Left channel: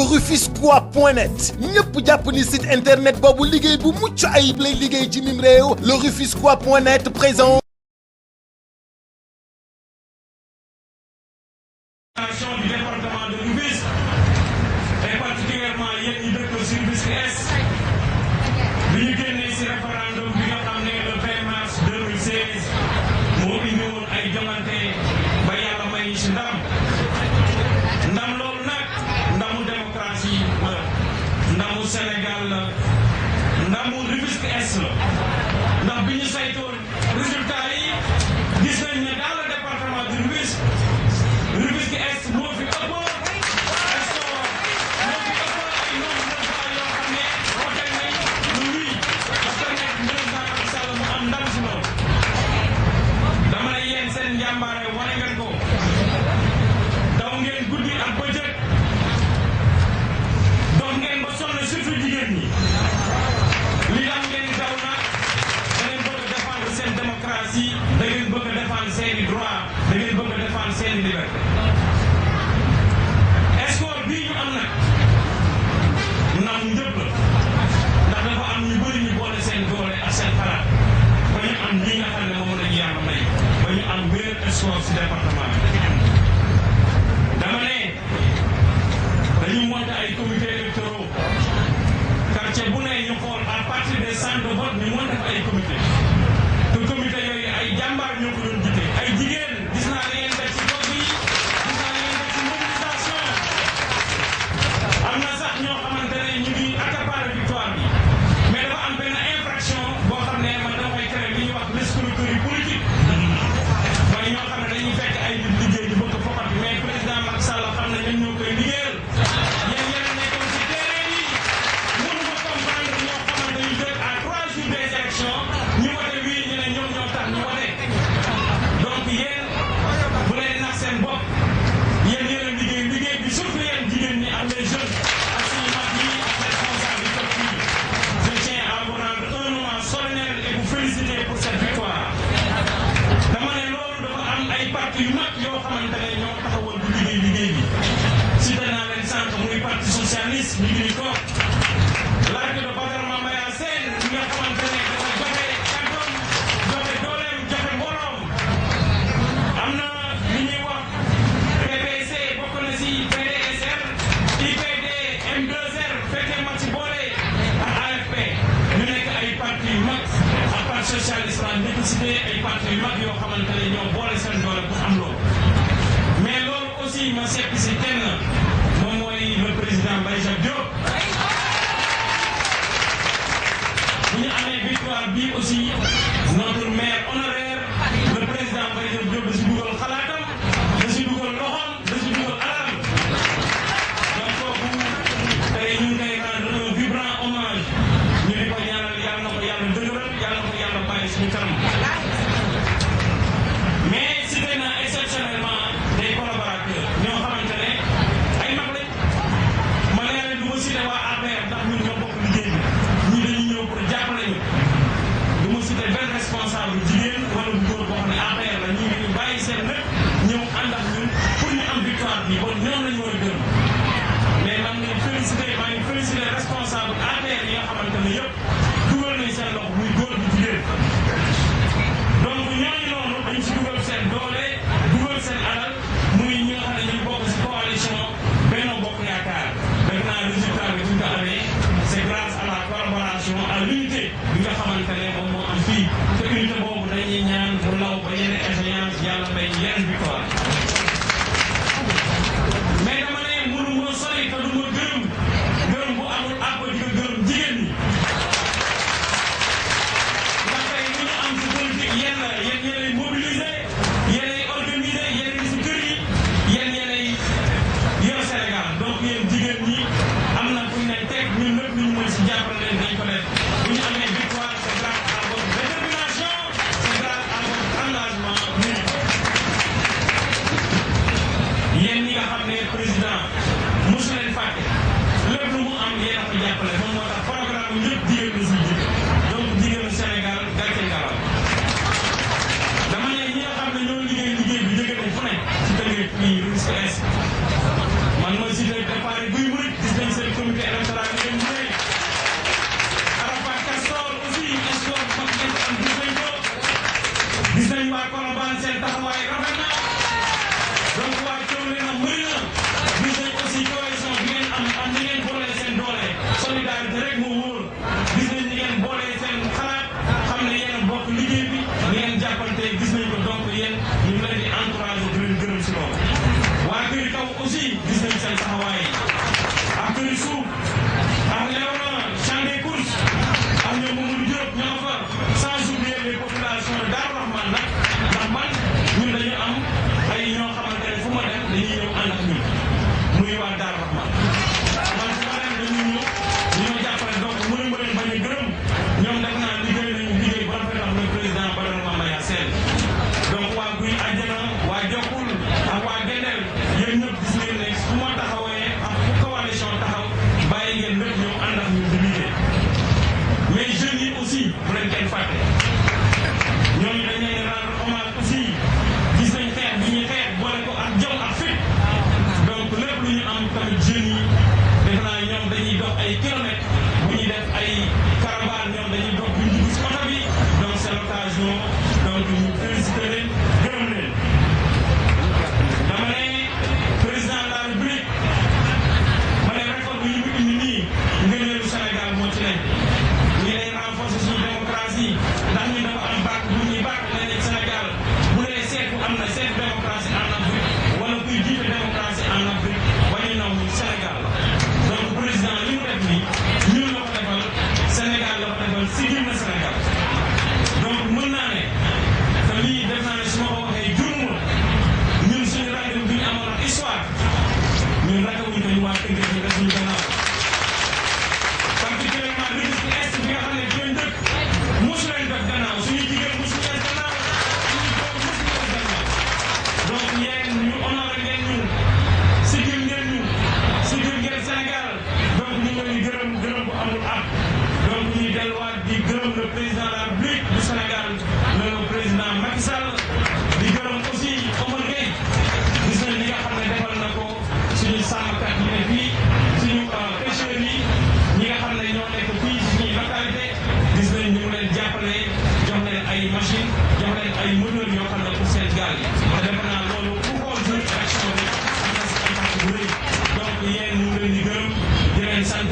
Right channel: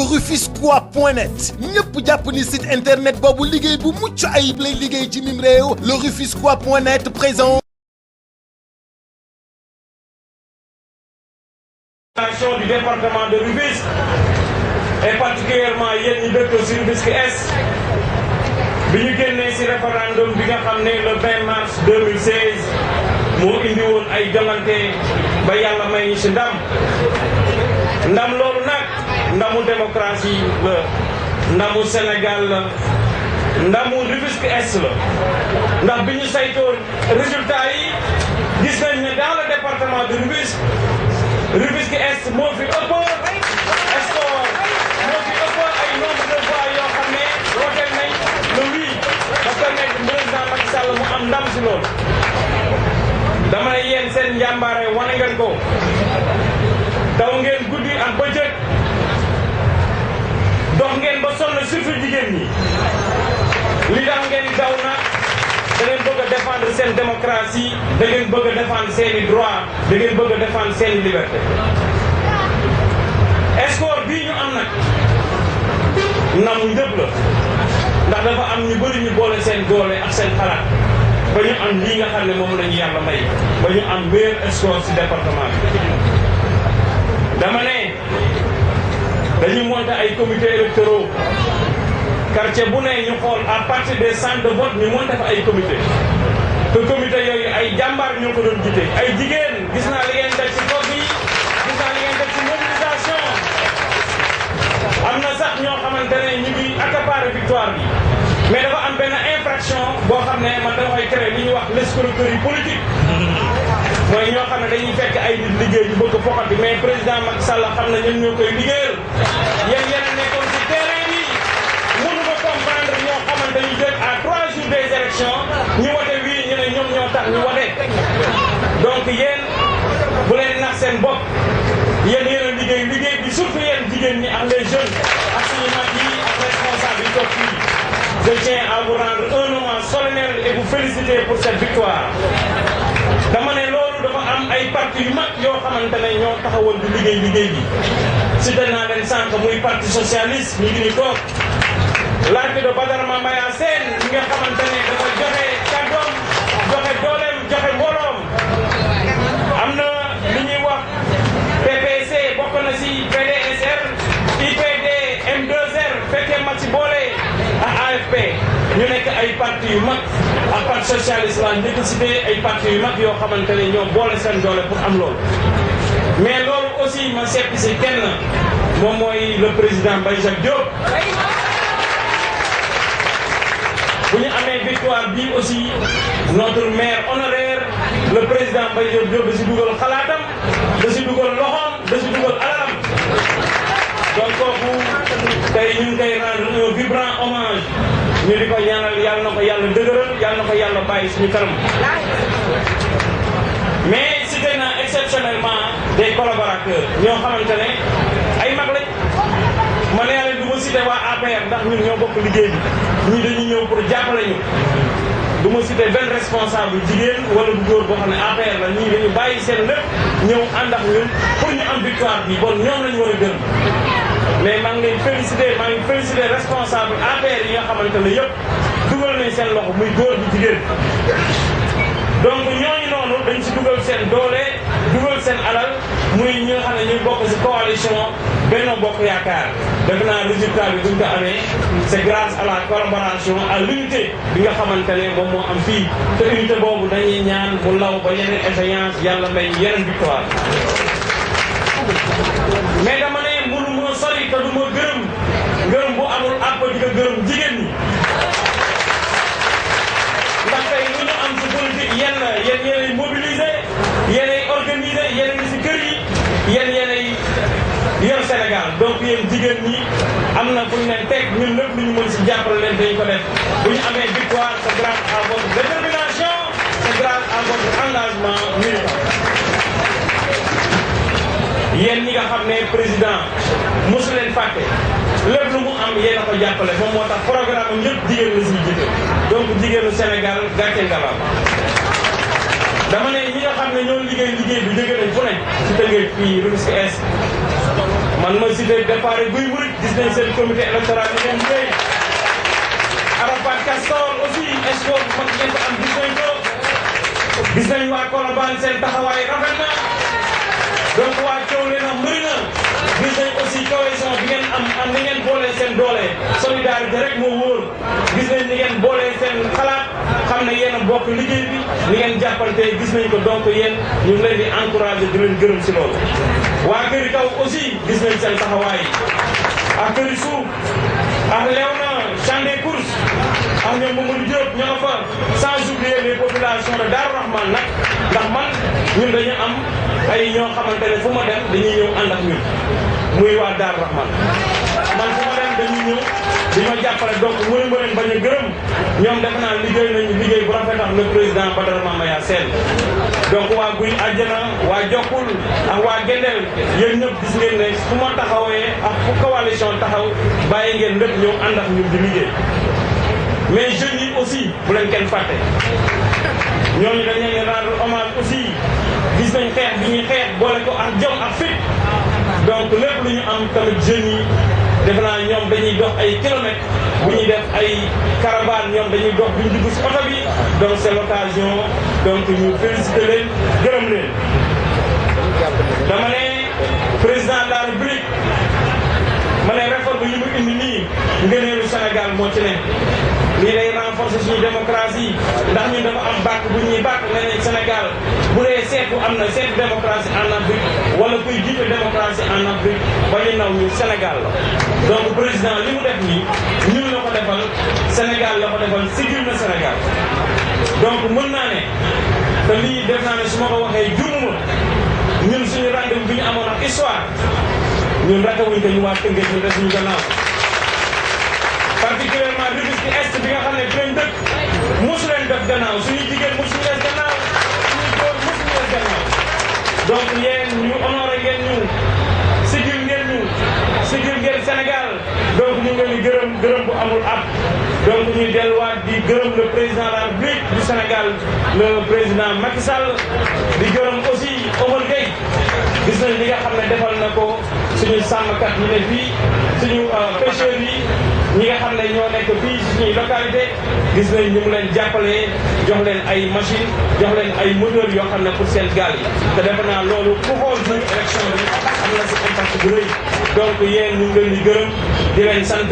lerufisquois.net ñëpp jàpp ni site internet boobu liggéey bu mucc ayib lay liggéey ci mim réew lerufisquois.net présente du département de Rufisque et particulièrement yéen ñi dëkk ci Rufisque Est bi ñu génnee ci référendum bi nga xam ne le 20 mars 2016 moo indi woon ay jongante ba yàlla may ñu ci ndam loolu nag ndamu démocratie la ndamu Sénégal la ndamu Rufisque Est la ndax bi ñu saytoo résultat yi gis nañ ne dans le département de Rufisque Est moo fi ëpp score moo fi ëpp ay nombre de voix yoo xam ne wote nañ le oui ba permettre président Macky Sall mu am ndam si loolu dama ne yéen seen njàmbaare wane ngeen ko daw ngeen guddi ak bëccëg dox ngeen ba sonn surtout jigéen ñi li tax ngeen daw na da ngeen bëgg a défendre seen démocratie da ngeen bëgg a défendre seeni droit da ngeen bëgg a défendre seeni liberté score bii ñu am nag namu ñëpp la ndax dafa am ñu bëri ñu boole seen doole ak seen xalaat ba ñu am lii nga xam ne moom la ñu yàlla may ba ñu am meilleur score ci département bi dama ne dañu monter ay comités électoraux quartier bu ne ñu xool à partir des centres de vote ñu monter fa ay comité te comité yooyu ay jàmbaar ñoo ko doon jiite ay jigéen gis naa li ngeen def ci bopp yi gis naa li ngeen def ci mobilisation am na sax ñoo xamante ne ñu ngi accaparer victoire bi mais dafa am benn infraction boo xam ne man dama koy créer li ñuy wax l'escroquerie politique mooy ñoo xam ne dañuy fekk ay nit liggéey ñu bëgg foxati mais président Macky Sall xam na ñun ñoo koy liggéeyal yéen a nekkoon ci terrain bi mënu ma comprendre ñoo xamante ñu jël à 3 jours des élections ñu wote wii ñu ne ñoom ñoo tax ñu wote donc yéen bu leen nax seen bopp yéen a liggéey bi surtout yéen jigéen ñi ak les jeunes ak suñu mag yi ak responsable yi toog fii je tiens à vous rendre un hommage solennel et vous féliciter pour cette victoire dama ne loolu dafa am ay parti yu mag yoo xamante ne ñoo taxawal di liggéey bi cité naa leen sànq muy parti socialiste ñu ngi ni toog l'arc de Badara Mambaya Sène ñi nga xamante ne dafa joxe kàddoom joxe dooleem joxe mbooloom am na li ñuy wax PPC bokk na si PDSR IPD M2R fekkee mag si boole ak AFP ñu nekk ay parti yu mag ak parti socialiste la njëkk cité ay parti yu mag yoo xamante ne ñoo boole seen doole pour am loolu mais loolu aussi ma seppi si kenn moom mooy le président Mbaye Jacques Diop bu ñu amee victoire bi aussi notre maire honoraire le président Mbaye Diop da si dugal xalaatam da si dugal loxoom da si dugal alalam donc kooku tey ñu ngi koy rendre un vibrant hommage ñu di ko ñaanal yàlla na ko yàlla dëgëral yàlla na ko yàlla bàyyi suñu kanam mais cité na exceptionnellement des collaborateurs ñoo xamante ne ay mag lañ ma ne leen du ma cité waa APR ndax ñun ñoo bokk liggéey bi ñii dañuy ñëw pour jàppale ñu du ma cité benn responsable jigéen wala bu góor boo xam ne APR la ñii dañu bàyyi seen lépp ñëw ànd ak ñun pour ñu am victoire bi bon ñoom lañu war a gërëm mais maa ngi leen félicité responsable APR yi nga xamante ne yëpp dugal nañ seen loxo muy góor bi jigéen donc ñooñu noonu dañ si dugal seen doole dugal seen alal muy ñi nga xam ne ñuy bokk si coalition Benno Bokk Yaakaar def naa résultat bi buñ ko amee c'est grâce à la collaboration à l'unité bi nga xamante ne moom moo am fii te unité boobu dañuy ñaan bu law ba yeneen échéance yàlla may yeneen victoire mais dama ne mënu ma sori te du ma gërëm bu amul àpp di ko gërëm jigéen ñi ndax tey lu ñu am ci politique yéen yéenay mobiliser yéenay organiser yéenay ci kër yi yéenay yor Sénégal donc yéen jigéen ñi am na fu ñu leen teg ñun lépp lu ñu mën ci jàppale leen dañu ko def bu ñu amee victoire c'est grâce à votre détermination c'est grâce à votre engagement militant yéen ñi nga xam ne président mosu leen fàtte lépp lu mu am yéen a ko jàppale moom moo tax programme am yëpp jigéen la siy jiite donc jigéenu Sénégal gàcce ngalaam dama ne ñi nga xam ne ñoo liggéey bi jóge nañ fu ne ci Tëngéej fii Rufisque Est ma man ma cité départ Guy Mouride gis nañ seen comité électoral yi ngeen liggéey Arafat Castor aussi espoir bu mag ngeen ko am gis nañ ko gis nañ waa Colobane seen taxawaay rafet na donc waa Thiawlène na mbëri na gis nañ aussi cohésion bi ngeen am ni ngeen boolee seen doole solidarité rek moo wóor gis nañ ni ngeen boolee seen xalaat xam ne yéen a bokk liggéey bi ni ngeen jàppante gis nañ ko donc yéen ñu ngi leen di encouragé di leen gërëm si loolu. waa këri kaw aussi gis nañ seen taxawaay ak këri suuf ak Léona champ des courses ak ñoom Mamadou Diop ñoo fa sans oublier les populations de Darou Rahman nag ndax man ñun dañu am ay ñoo xamante ne fu ma dem dañuy ñëw ànd ak ñun muy waa Darou Rahman man fu ma dem dañuy ñëw di ma jàppale donc mënu ma leen bañ a gërëm ñoom defe naa liggéey nañu liggéey bu rafet ak le président Badara Mamaya Sène donc waa Guy Àjjana waa Jokkul ak waa Gendel yéen ñëpp gis ngeen ne fu ma taxawee ak fu coalition taxaw bàyyi ngeen lépp ñëw ànd ak ñun di liggéey mais jeunes yi aussi bu leen kenn fàtte ñooñu dañ leen rendre hommage aussi gis nañ xeex bi ñuy xeex boole ko ak jom ak fit donc lépp lu ñu am tamit jeunes yi defe naa ñoom dañuy dox ay kilomètres bu ñuy def ay caravane ñoom dañuy dox bu ñu dugg si oto bi donc c'est l'occasion donc ñu féliciter leen gërëm leen dama ne président de la République ma ne réforme yi mu indi nii ngëneelu Sénégal moo ci ne lii day renforcer suñu démocratie ndax ñun dafa am bàkk bu ñuy bàkk nee nañ Sénégal bu dee seetu am na seetu démocratie en Afrique wala kuy jiite démocratie en Afrique ba ñu naw ñu Sénégal la donc président li mu def nii ñun la ko defal Sénégal la ko defal sigil na Sénégal donc mën naa ne te lii def naa ne su ma ko waxee juumuma ñun suñu rendez-vous bi ñu amoon ak histoire ñun rakawuñ ko ñu waa Tëngéej ñu des suñu gannaaw particulièrement Rufisque Est bi nga xam ne benn dëkk mosu leen def gannaaw suñu jigéen mosu ñu des gannaaw suñu góor mosu ñu des gannaaw donc yéen ñu honoré ngeen ñu sigil ngeen Sénégal donc ñu ngi leen di gërëm bu amul ab donc ñuy delluwaat di gërëm le président de la République du Sénégal le président Macky Sall di gërëm aussi Omar Gueye gis nañ li nga xam ne defal na ko suñu sàmmkat yi ne fii suñu pêcheurs yi ñi nga xam ne ñoo nekk fii si suñuy localité gis nañ ñu mu leen jàppale jox leen ay machine jox leen ay moteurs yoo xam ne pour seen gaal yi te defe naa loolu ku xool suñu élection bi am na si impact bu rëy donc yéen ñu ngi leen di gërëm di leen sant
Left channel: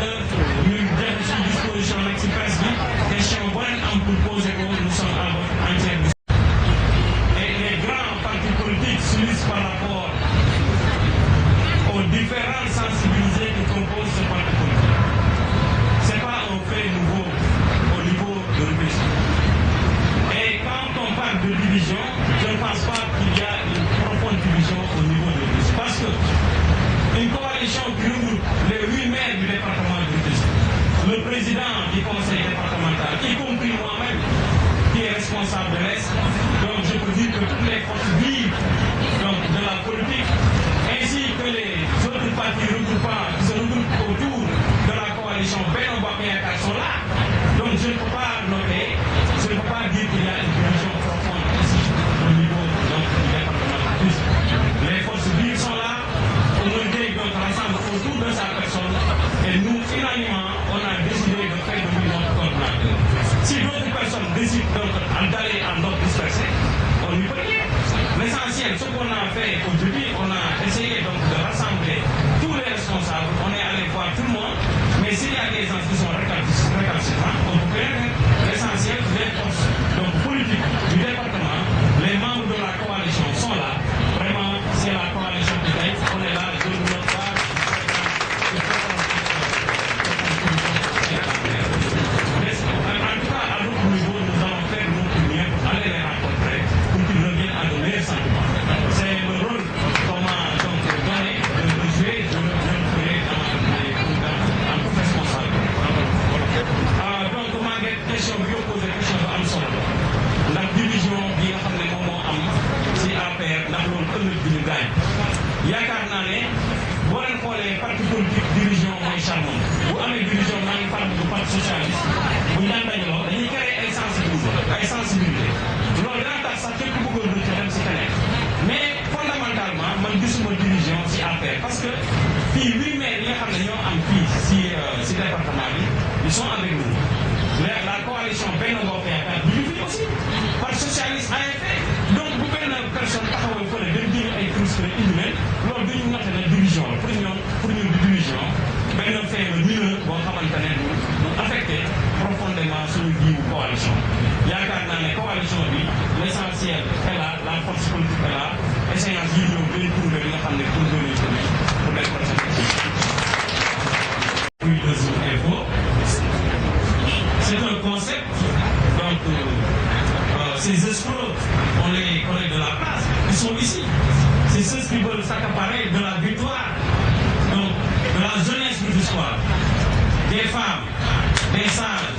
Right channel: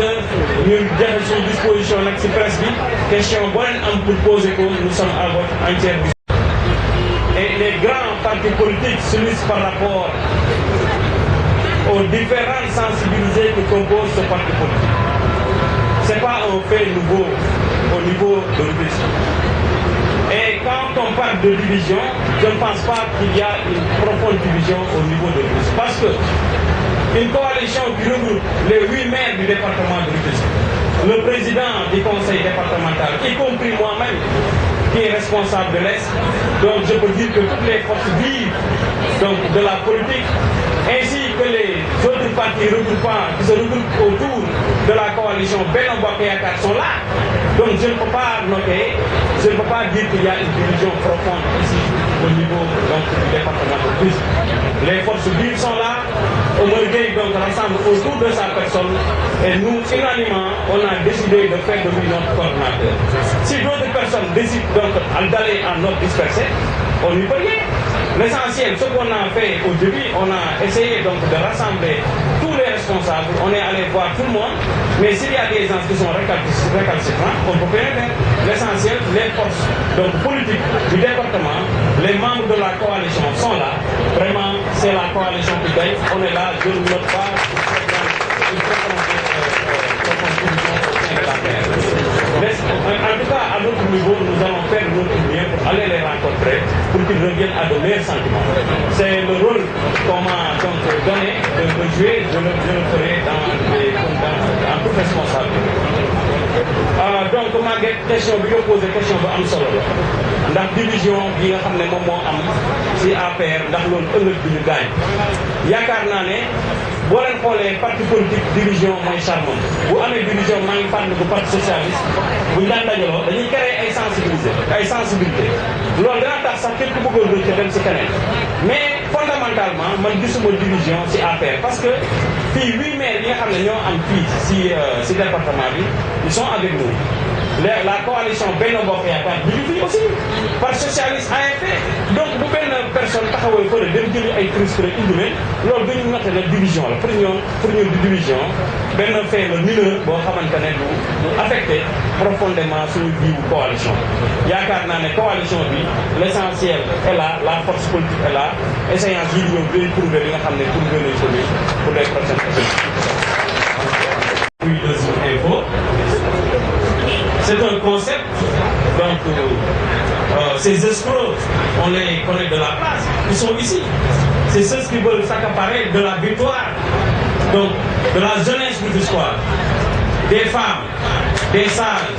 ñu joxe suñu disposition nag si presse bi question boo leen am pour poser ko nous sommes à votre entière disposition. Et les grands partis politiques s'unissent par rapport aux différentes sensibilités qui composent ce parti politique. C'est pas un fait nouveau au niveau de Rufisque. Et quand on parle de division, je ne pense pas qu'il y a une profonde division au niveau de Rufisque. Parce que une coalition qui regroupe les 8 maires du département de Rufisque, le président du conseil départemental, y compris moi-même, qui est responsable de l'Est, donc je peux dire que toutes les forces vives donc, de la politique, ainsi que les autres partis regroupants qui se regroupent autour de la coalition Benno Bokk Yaakaar sont là. Donc je ne peux pas noter, je ne peux pas dire qu'il y a une division profonde ici au niveau donc, du département de Rufisque. Les forces vives sont là. Omar Gueye donc rassemble autour de sa personne et nous, unanimement, on a décidé de faire de lui notre coordonnateur. Si d'autres personnes décident donc d'aller en ordre dispersé, on n'y peut rien. L'essentiel, ce qu'on a fait au début, on a essayé donc de rassembler tous les responsables, on est allé voir tout le monde, mais s'il y a des gens qui sont récalcitrants, on ne peut rien faire. L'essentiel, les forces donc, politiques du département, les membres de la coalition sont là. Vraiment, c'est la coalition qui gagne. On est là, je ne note pas en tout cas, à notre niveau, nous allons faire notre mieux pour aller les rencontrer, pour qu'ils reviennent à de meilleurs sentiments. C'est le rôle qu'on m'a donc donné de jouer, je le ferai en toute responsabilité. Donc, ma question bi nga posé question bu am solo la ndax division bi nga xam ne moom moo am si APR ndax loolu ëllëg bi ñu gaañ yaakaar naa ne boo leen xoolee parti politique division mooy charmant bu amee division maa ngi fàttali ko parti socialiste bu ñu daan dajaloo dañuy créer ay sensibilité loolu dana tax sax képp ku bëggoon rëcc dem si keneen mais fondamentalement man gisuma division si APR parce que fii 8 maires yi nga xam ne ñoo am fii si département bi ils sont avec nous. La coalition Benno Bokk Yaakaar bi ñu fi aussi parti socialiste AFP donc bu benn personne taxawal fële dem jëli ay frustré indi leen loolu dañu noté na division la pour ñun di division benn fait la mineur boo xamante ne du affecté profondément suñu jiwu coalition yaakaar naa ne coalition bi l'essentiel est là la force politique est là échéance yi ñoom dañuy prouver li nga xam ne prouver nañ ko ni pour les prochaines élections. C'est un concept, donc ces escrocs, on les connaît de la place, ils sont ici. C'est ceux qui veulent s'accaparer de la victoire, donc de la jeunesse du soir, des femmes, des sages,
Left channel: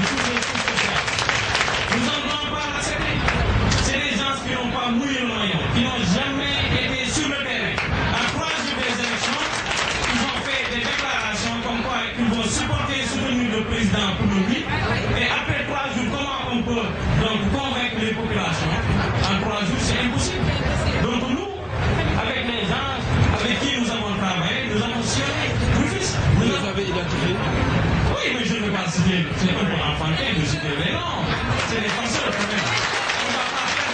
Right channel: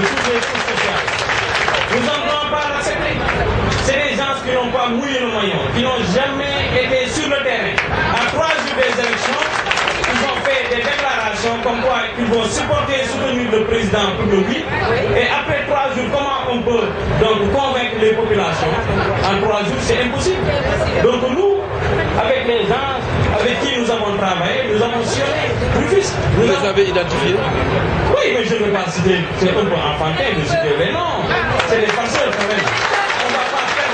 de toutes les couches sociales. Nous n'en voulons pas l'accepter. C'est des gens qui n'ont pas mouillé le maillot, qui n'ont jamais été sur le terrain. À 3 jours des élections, ils ont fait des déclarations comme quoi ils vont supporter et soutenir le président pour le 8. Et après 3 jours, comment on peut donc convaincre les populations? En 3 jours, c'est impossible. Donc nous, avec les gens avec qui nous avons travaillé, nous avons sillonné Rufisque. Vous les avez identifiés? Oui, mais je ne veux pas citer, c'est un peu enfantin de citer les noms. C'est des farceurs quand même. On ne va pas faire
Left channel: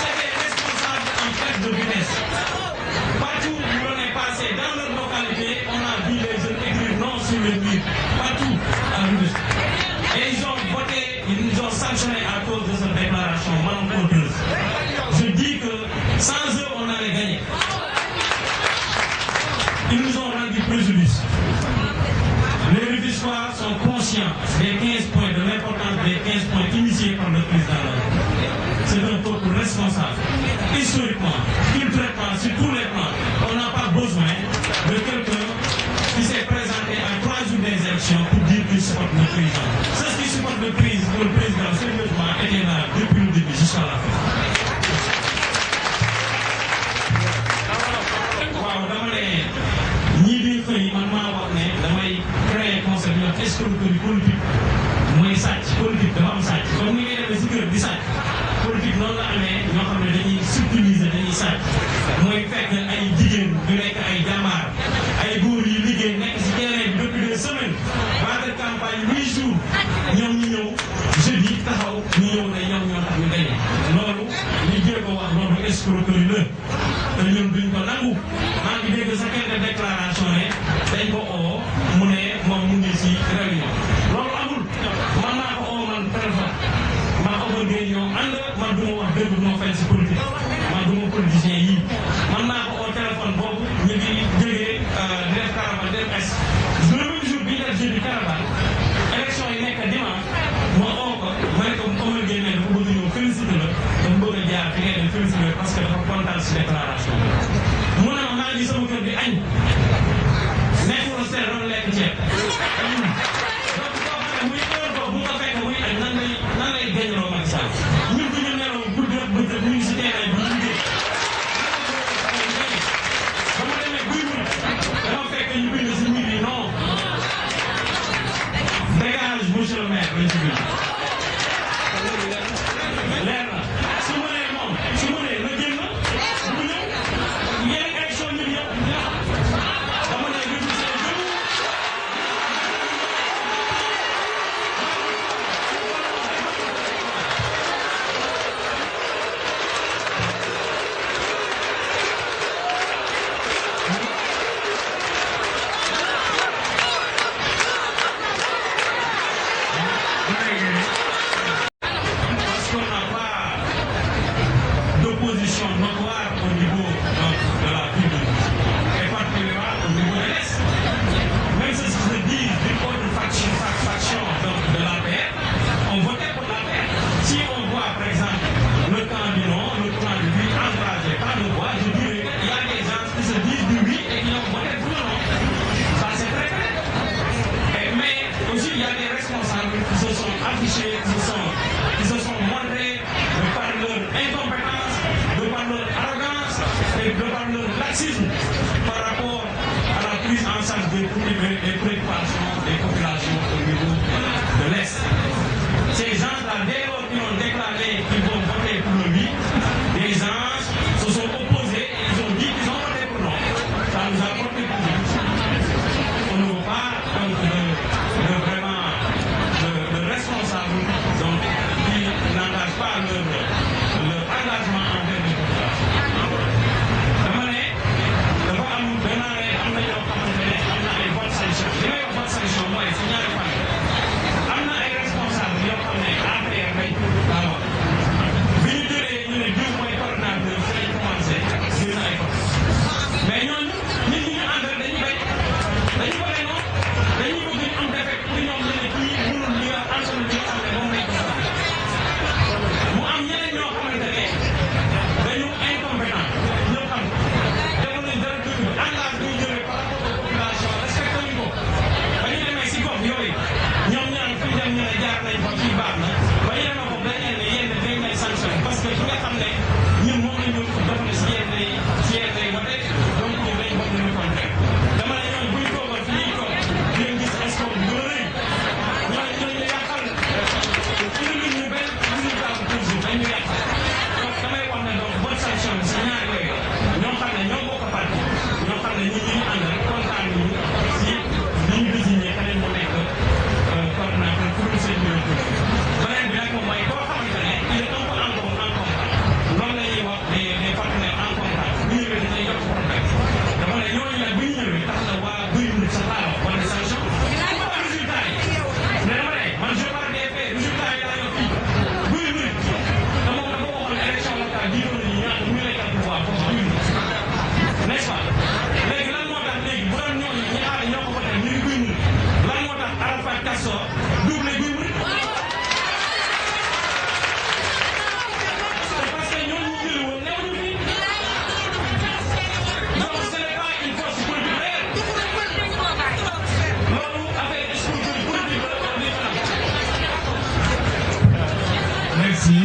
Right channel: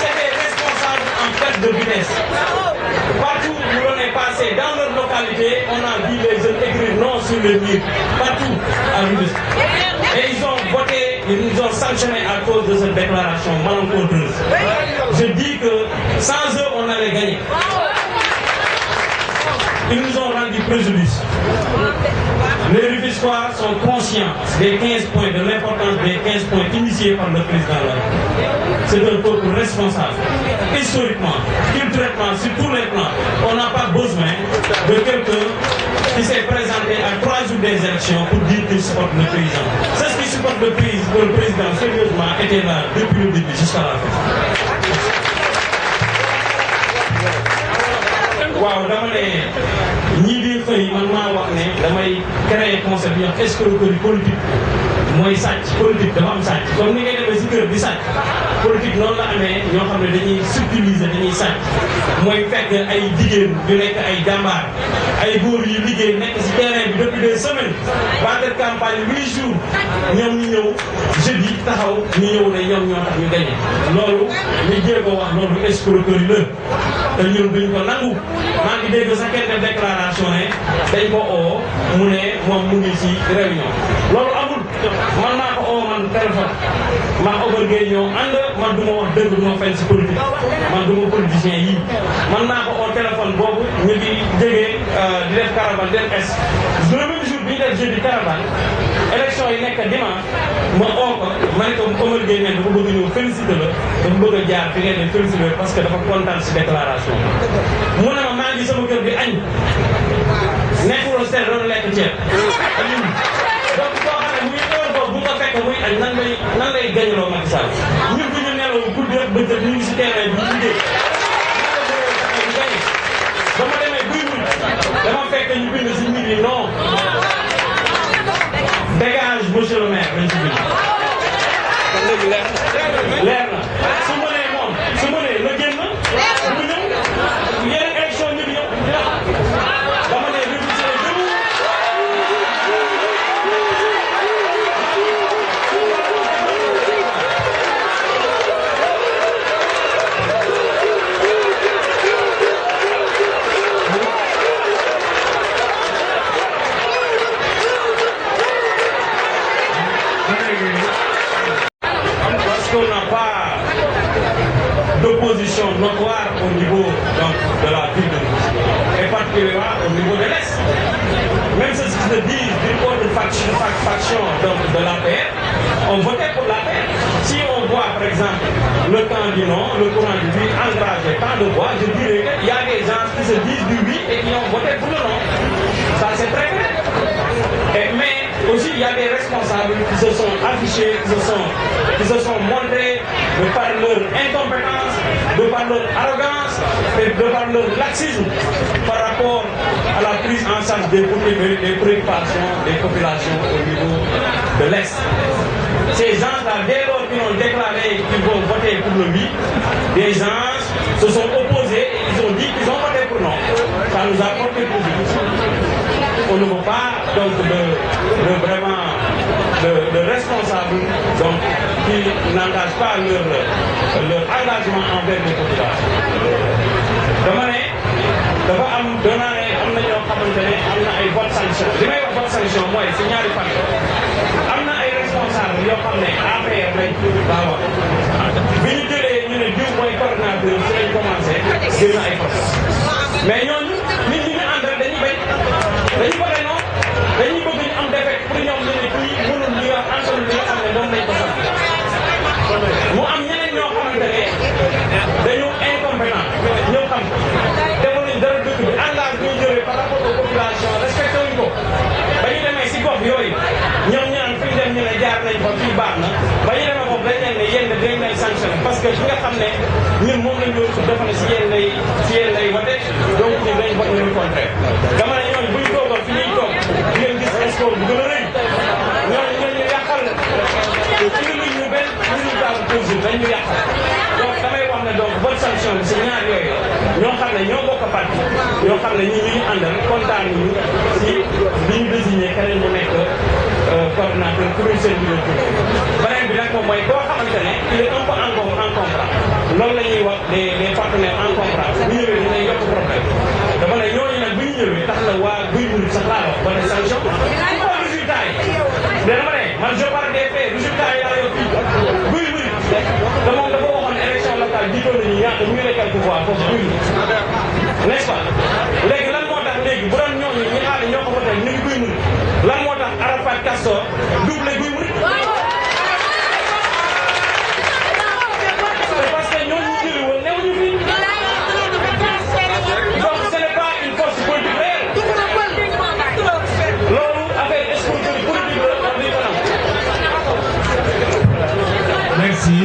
c'est des responsables en perte de vitesse. Partout où l'on est passé dans leur localité, on a vu les jeunes écrire non sur le mur. Partout à Rufisque. Et ils ont voté, ils nous ont sanctionné à cause de cette déclaration malencontreuse. Je dis que sans eux, on allait gagner. Ils nous ont rendu préjudice. Les Rufisquois sont conscients des 15 points, de l'importance des 15 points initiés par le président. C'est un peuple responsable. Historiquement, culturellement, sur tous les plans, on n'a pas besoin de quelqu'un qui s'est présenté à 3 jours des élections pour dire qu'il supporte le président. Ceux qui supportent le président sérieusement étaient là depuis le début jusqu'à la fin. Waaw dama ne ñii di xëy man maa wax ne damay créer concept yoo escroquerie politique mooy sàcc politique dafa am sàcc comme ni ngay demee si kër di sàcc politique noonu la amee ñoo xam ne dañuy subtiliser dañuy sàcc mooy fekk ay jigéen yu nekk ay jàmbaar ay góor yu liggéey nekk si terrain bi depuis des semaines vendre campagne 8 jours ñoom ñu ñëw jeudi taxaw ñu ñëw ne ñoom ñoo tax ñu gagné loolu li jéego wax loolu escroquerie la te ñun duñ ko nangu maa ngi dégg sax kenn def déclaration ne dañ ko oo mu ne moom mu ngi ci réunion loolu amul man maa ko oo man téléphone maa Omar Gueye ñoo ànd man du ma wax dëgg du ma fenn ci politique man du ma politicien yii man maa ko oo téléphone boobu ñu ngi jógee di def caravane dem est le même jour bi ñu def jeudi caravane élection yi nekk dimanche ma oo ko ma ne ko Omar Gueye ne dafa bëgg ñëw féliciter la dafa bëgg a jaar fi ngeen ne féliciter parce que dafa kontaan ci déclaration mu ne ma maa ngi sama kër bi añ nekkul seen doon lekk ceeb donc koo xam ne muy heure boobu bu nga fekk muy añ nan lay gañaloo Macky Sall ñun du ñu nelaw guddi ak bëccëg ñu ngi si terrain bi ñu liggéey ba ma demee buy wul dama fekk ñu bind si mbir yi non dégage monsieur le maire lañ si bind leer na su ma nee moom su ma nee la génn bu ñëw yeneen élection ñu ñëw dina dama ne révision debout parce qu'on n'a pas d'opposition notoire au niveau donc, de la ville de Rufisque et particulièrement au niveau de l'Est. Même ceux qui se disent d'une autre faction donc, de l'APR ont voté pour l'APR. Si on voit par exemple le camp du non, le courant du oui, encourager tant de voix, je dirais qu'il y a des gens qui se disent du oui et qui ont voté pour le non. Ça c'est très clair. Mais aussi il y a des responsables qui se sont affichés, qui se sont montrés de par leur incompétence, de par leur arrogance et de par leur laxisme par rapport à la prise en charge des préoccupations des populations au niveau de l'Est. Ces gens-là, dès lors qu'ils ont déclaré qu'ils vont voter pour le oui, des gens se sont opposés et ils ont dit qu'ils ont voté pour non. ça nous a porté préjudice. On ne veut pas donc de responsables donc qui n'engagent pas leur engagement envers les populations. dama ne dafa am danaa ne am na ñoo xamante ne am na ay vote sanction li may wax vote sanction mooy si ñaari fan am na ay responsable yoo xam ne APR lañ daa wax bi ñu jëlee ñu ne diw mooy coordinateur si lañ commencé génn ay force mais ñooñu nit ñi ñu àndal dañuy bañ dañu ko noonu dañuy bëgg ñu am défaite pour ñoom ñu ne kii mënul li nga antalul li nga xam ne moom lañ ko sant mu am ñeneen ñoo xamante ne dañu incompétent ñëpp xam ko defoon nañ dara dëkk bi engagement bi ñu jëlee par rapport aux populations respecté wuñ ko ba ñu demee si gox yooyu ñoom ñu naan fu ñu dem ñu ne jaar nañ fa fii baax na ba ñu demee foofu dañ leen ne yéen dañ leen sanctionné parce que ki nga xam ne ñun moom lañ doon dafa ne si yéen lay wote donc ñun dañ vote ñu contraire dama ne ñooñu bu ñu toogoon fi ñuy toog di leen gis score bu gën a rëy ñooñu ñu yàqal indi luñ ñu benn résultat bu positif dañ ñu yàqal donc damay wax ne donc bonne sanction bi si ñaar yooyu ñoo xam ne ñoo bokk parti ñoo xam ne ñi ñu àndal kontaan ñu si bi ñu désigné keneen mu nekk coordinateur pour une seule bureau beneen bi nag moom mooy koo xamante ne il est un peu encombrant loolu la ñuy wax des partenaires encombrants bu ñëwee dinañ yokk problème dama ne ñooñu nag bu ñu ñëwee tax na waa guy ñu sax laa wax ba ne sanction xool résultat yi dama ne man je parle des faits résultat yi laa yor fii guy ñu te moom dafa waxoon élection locale jiitoon nañu ñaata ñu lay quelque fois foofu guy ñu n'est-ce pas léegi lan moo tax léegi bu doon ñooñu ñi xam ne ñoo ko voté ñu ngi guy ñu lan moo tax Arafat Castor double guy mu c'est parce que ñooñu ñu jëli woon newuñu fii donc ce n'est pas une force politique réelle loolu affaire escroquerie politique la wax dëgg fa Merci.